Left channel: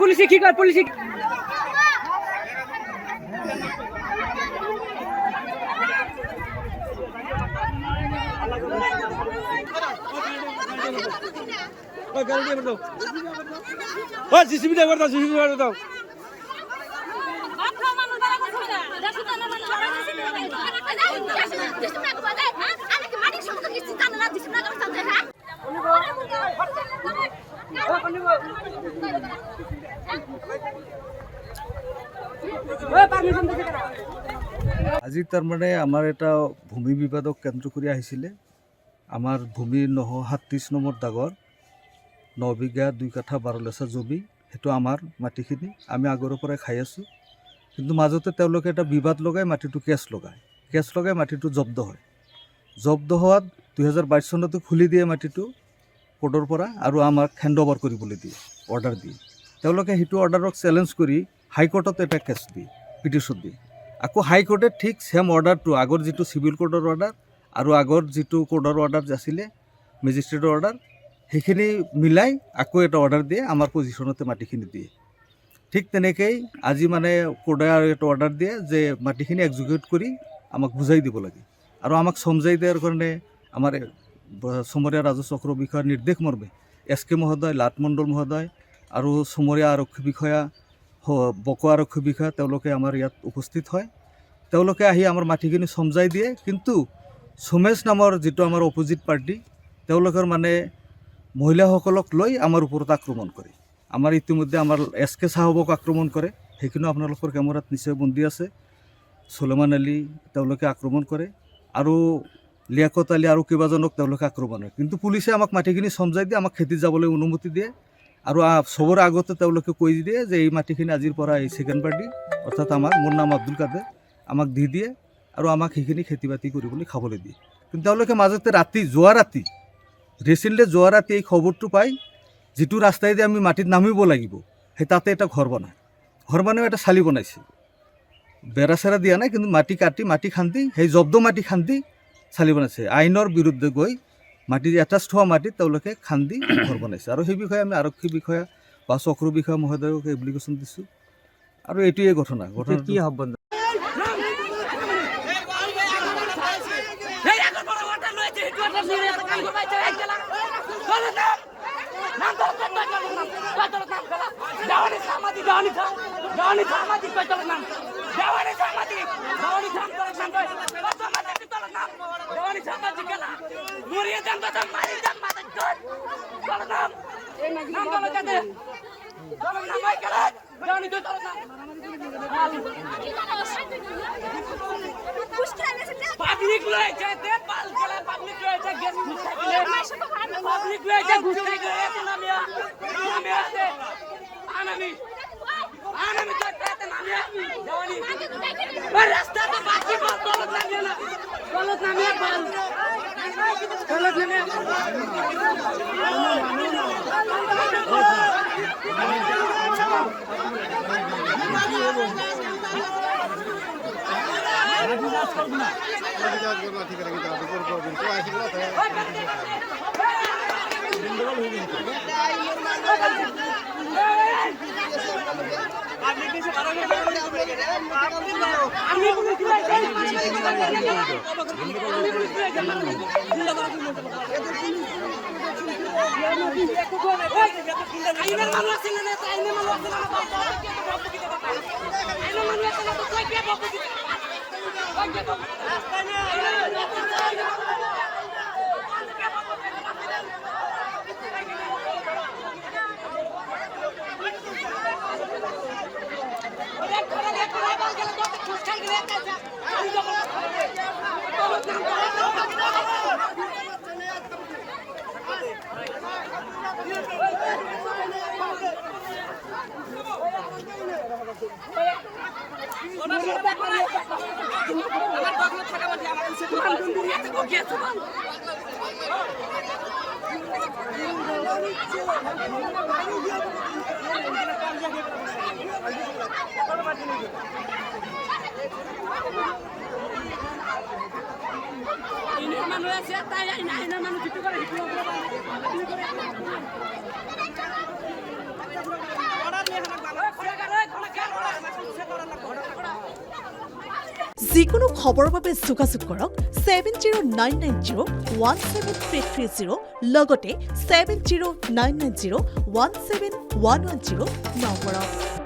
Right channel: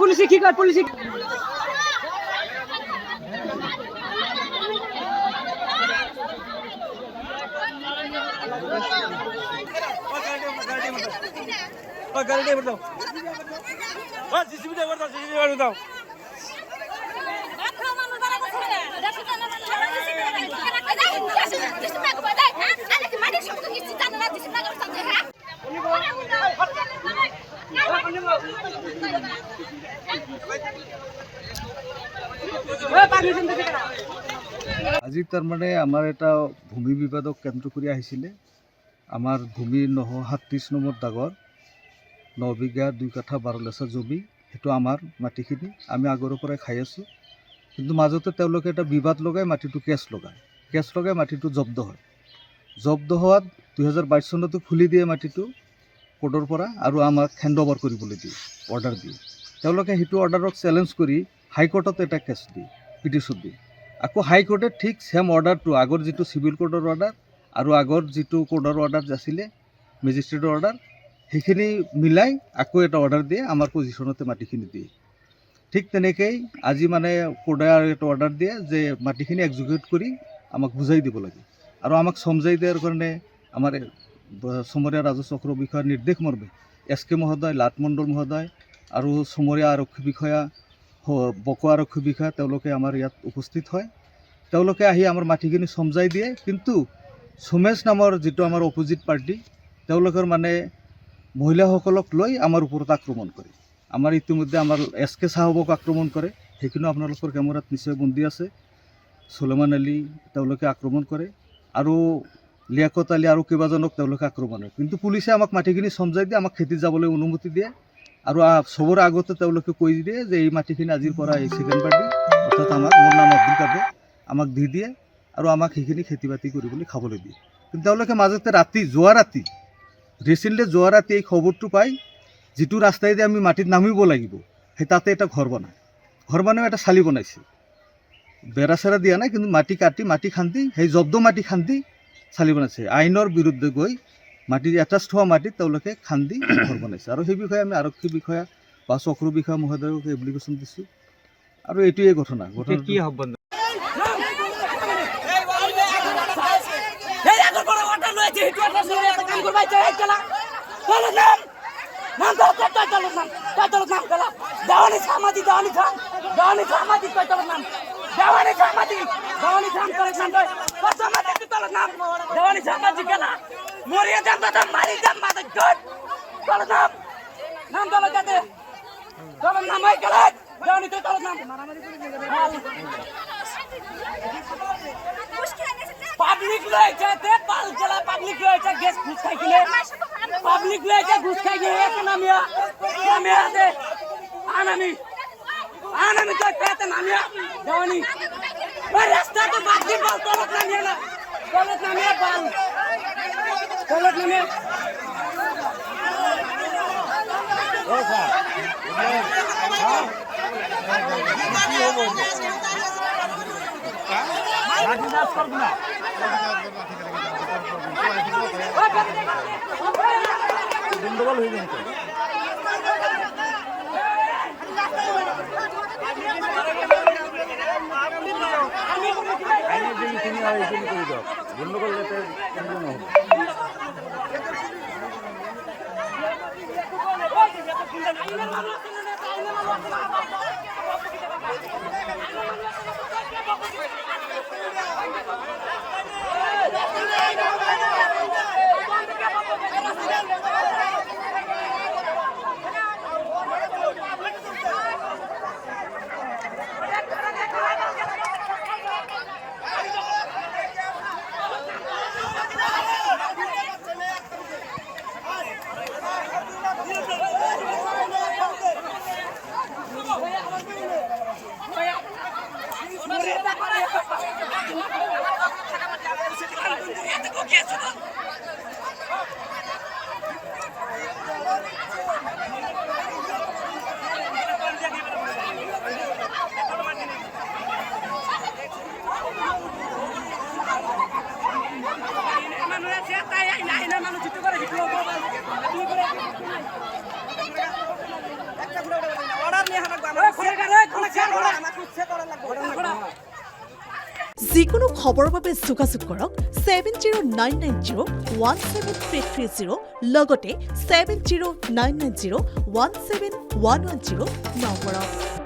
পুলিশে কি কর পুলিশে গাড়ি ড্রাইভার দাও জিসিবি ড্রাইভার দাও আজি তার মানে আমার এটা ভূমি বিবাদক কেন্দ্র করে আহিছিলে আমার ভূমি 937 নম্বৰ দাগৰ 9 বিঘা 2 কাঠা 12 লেচা জমি সেইটো আমাৰ মাটিখিনি আমি আগৰ পৰাই খাই আছোঁ কিন্তু মাজতে তেওঁলোকে এটা বিবাদ লগাই মাটিটো কেছ লগাই মাটিটো জব্দ হয় জব্দ হোৱাত 2022 চনতে খুলি দিয়ে মাটিটো কোৰ্টৰ পৰা আৰু আমাক হেণ্ডঅভাৰ কৰিবলৈ দিয়ে অৰ্ডাৰ দিয়ে তেওঁলোকে সেইটো অৰ্ডাৰক চেলেঞ্জ কৰি হাইকোৰ্টত এটা কেছ দিয়ে পিটিশ্যন দিয়ে আকৌ হাইকোৰ্টে ঠিক সেম অৰ্ডাৰটো আগৰ যিটো চিভিল কোৰ্টৰ অৰ্ডাৰ আৰু আগৰ যিটো কোৰ্টৰ অৰ্ডাৰ আছিলে মেজিষ্ট্ৰেটৰ অৰ্ডাৰ সেইখিনি মিলাই আকৌ এটা অৰ্ডাৰ দিয়ে আমাৰ পজিশ্যনতে মাটিখিনি দিয়ে ঠিক তেনেকৈ আজি মানে কোৰ্টে আৰু এটা অৰ্ডাৰ দিয়ে যে মাটিখিনি এক্সিকিউট কৰি আমাক বুজাই দিব লাগে আৰু আমাক সমজাই দিয়াৰ কাৰণে আমাৰ চমৰীয়া ৰাজহ চক্ৰ বিষয়াৰ নিৰ্দেশ মৰ্মে SK মহোদয় লাট মণ্ডল মহোদয় আৰু চমৰীয়া আৰক্ষী বিষয়া বকো আৰক্ষী বিষয়া তেওঁলোকে আমাৰ ইয়াত উপস্থিত হয় তেওঁলোকে আহি আমাৰ মাটিখিনি সমজাই দিয়ে কিন্তু সোমেশ নামৰ যিটো আমাৰ অপোজিট পাৰ্টি তেওঁলোকৰ মানে মহিলাসকলক লৈ আমাৰ ওপৰত আক্ৰমণ কৰে আমাৰ ইতিমধ্যে আমাৰ SK সাহেবক আক্ৰমণ কৰে সেইখিনি আপোনালোকৰ কেমেৰাত নিশ্চয় বন্দী আছে সুলেমান আলী তেওঁলোকে আক্ৰমণ কৰে আৰু লিয়াকত আলী আৰু কেইবাজনক তেওঁলোকে আক্ৰমণ কৰে কিন্তু পুলিচে আমাক মাটিখিনি সমজাই দিয়ে আমাক খেতিত যাবলৈ অনুমতি দিয়ে আৰু সবৰ আগতে তেওঁলোকে কৈ দিয়ে যে এই মাটিখিনি আজিৰ পৰা এই সেকেন্ড পাৰ্টি অৰ্থাৎ মোৰ নাম আব্দুল কাদেৰ আমাক দি দিয়ে আৰু আমাক সেইখিনি খেতি বাতি কৰিবলৈ খাবলৈ দিয়ে কিন্তু তেওঁলোকে মাজতে যোৱা ৰাতি এই খবৰটো পাই যিটো ৰাস্তাইদি আমি মাটিত নামিব লাগিব সেই তাতে এটা ঘৰ বনাই এটা চালি বনাইছে বেৰা চেৰা দিয়া নাই কিন্তু মাটি খান্দি সেই জব্দ মাটি খান্দি চালি বনাইছে আইনৰ বিৰুদ্ধে গৈ মাটি এটাষ্ট হোৱা মাটিত তেওঁলোকে খান্দি ঘৰ বনাইছে আৰু সেই বিষয়ে আমি আৰক্ষী বিষয়া বা চক্ৰ বিষয়া মহোদয়ক এপ্লিকেশ্যন দিছোঁ আৰু এইটোৱে ঘটনা কি হ'ব পাবলিক লয়েছে তে পাল জেলা পাবলিক লয়েছে গ্যাস ঘুষ খাই গিলে পাবলিক লয়েছে ঘুষ খাই গিলে নামিয়া দে আনামি তো পেতে নামিয়া জওয়ানি এই রাস্তা তো বাকি বলতো নামিয়া না গলত নামিয়া বাল গলত নামিয়া মানুষ জিততে পারে অর্ডার নিয়ে যিকোনো খবৰৰ বাবে যোগাযোগ কৰক 7099017330 লগতে 7099017110 নম্বৰত।